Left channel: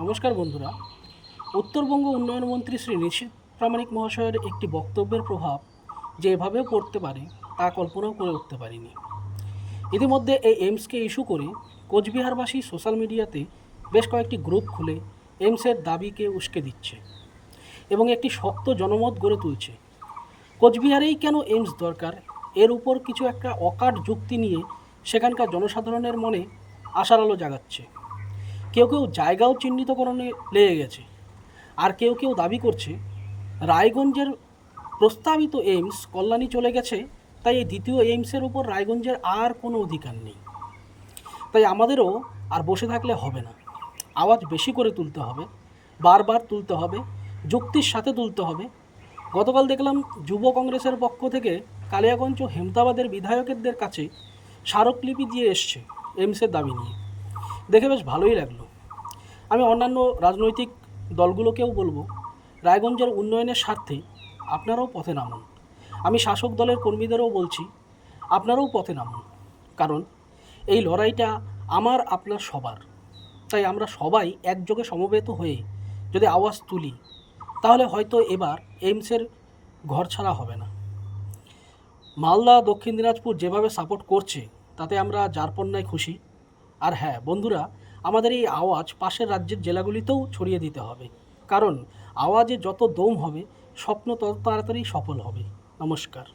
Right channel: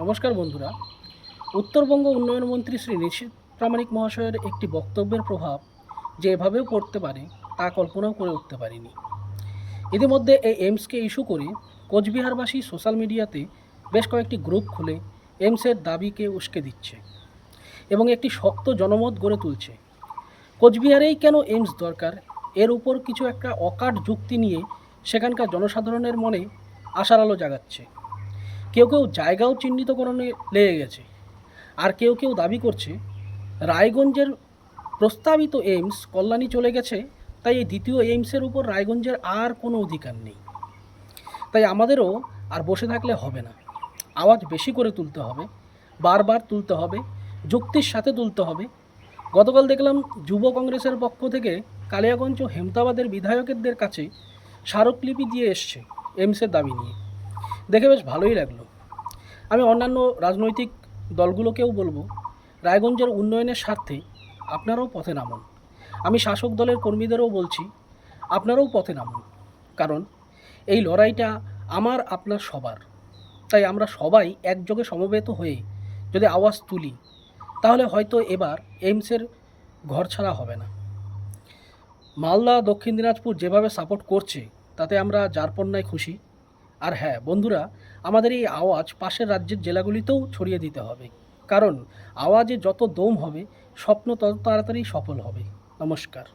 নমস্কার বন্ধুরা। উত্তরবঙ্গ উন্নয়ন মন্ত্রী শ্রী নিশীথ প্রামাণিক মহাশয়ের একটি বক্তব্যের প্রভাব যে এভাবেও পড়তে পারে তা কল্পনাও করে উঠতে পারিনি। ইতিমধ্যে এই এইমসকে ইস্যু করে কোচবিহারবাসী সোশ্যাল মিডিয়াতে বেশ কয়েকটি গ্রুপ খুলে এইমসের দাবিকে উস্কে দিচ্ছে এবং একটি শক্ত জনমত গড়ে তুলছে। কোচবিহারেই কেন এইমস দরকার, এর উপর কিছু একটা অকাট যুক্তি নিয়ে সেখানকার জনসাধারণের মনে আশার আলো জাগাচ্ছে। কেউ কেউ জায়গাও চিহ্নিতকরণে লেগে গেছে, আর কেউ কেউ দাবি করছে রায়গঞ্জের প্রস্তাবিত এইমস কল্যাণী চলে গেছে, তাই এই দ্বিতীয় এইমসের উপর রায়গঞ্জের আর কোনো অধিকার নেই। তাই আমাদেরও আর বসে থাকলে হবে না, আওয়াজ বেশি করে তুলতে হবে, বারবার তুলতে হবে, যুক্তির সাথে তুলতে হবে। গতকাল দেখলাম যুব কংগ্রেসের পক্ষ থেকে কালিয়াগঞ্জ ও হেমতাবাদের বিধায়কদের কাছে স্মারকলিপি দিয়ে এসছে এইমসের দাবি নিয়ে। দেখে বেশ ভালোই লাগলো। আমি অন্যান্য রাজনৈতিক দলগুলোকেও বলবো, রায়গঞ্জের উন্নয়নের স্বার্থে আপনারাও পথে নামুন। আমি শাসক দলের কর্মীদেরও বলছি, আপনারাও পথে নামুন, কারণ এই লড়াইটা আমার আপনার সবার। তাই আমরা সবাই একযোগে সমবেত হয়ে যদি আওয়াজ তুলি, তাহলে হয়তো এবার এইমসের ঘরছাড়া হবে না। মালদা, দক্ষিণ দিনাজপুর যেভাবে সাপোর্ট করছে, তাতে আমরা যারপন্নায় খুশি। আর হ্যাঁ বন্ধুরা, আমাদের এই আওয়াজ পাশের রাজ্যের জেলাগুলিতেও ছড়িয়ে দিতে হবে, কারণ আওয়াজে যত দম হবে, স্বপ্ন তত তাড়াতাড়ি সফল হবে। নমস্কার।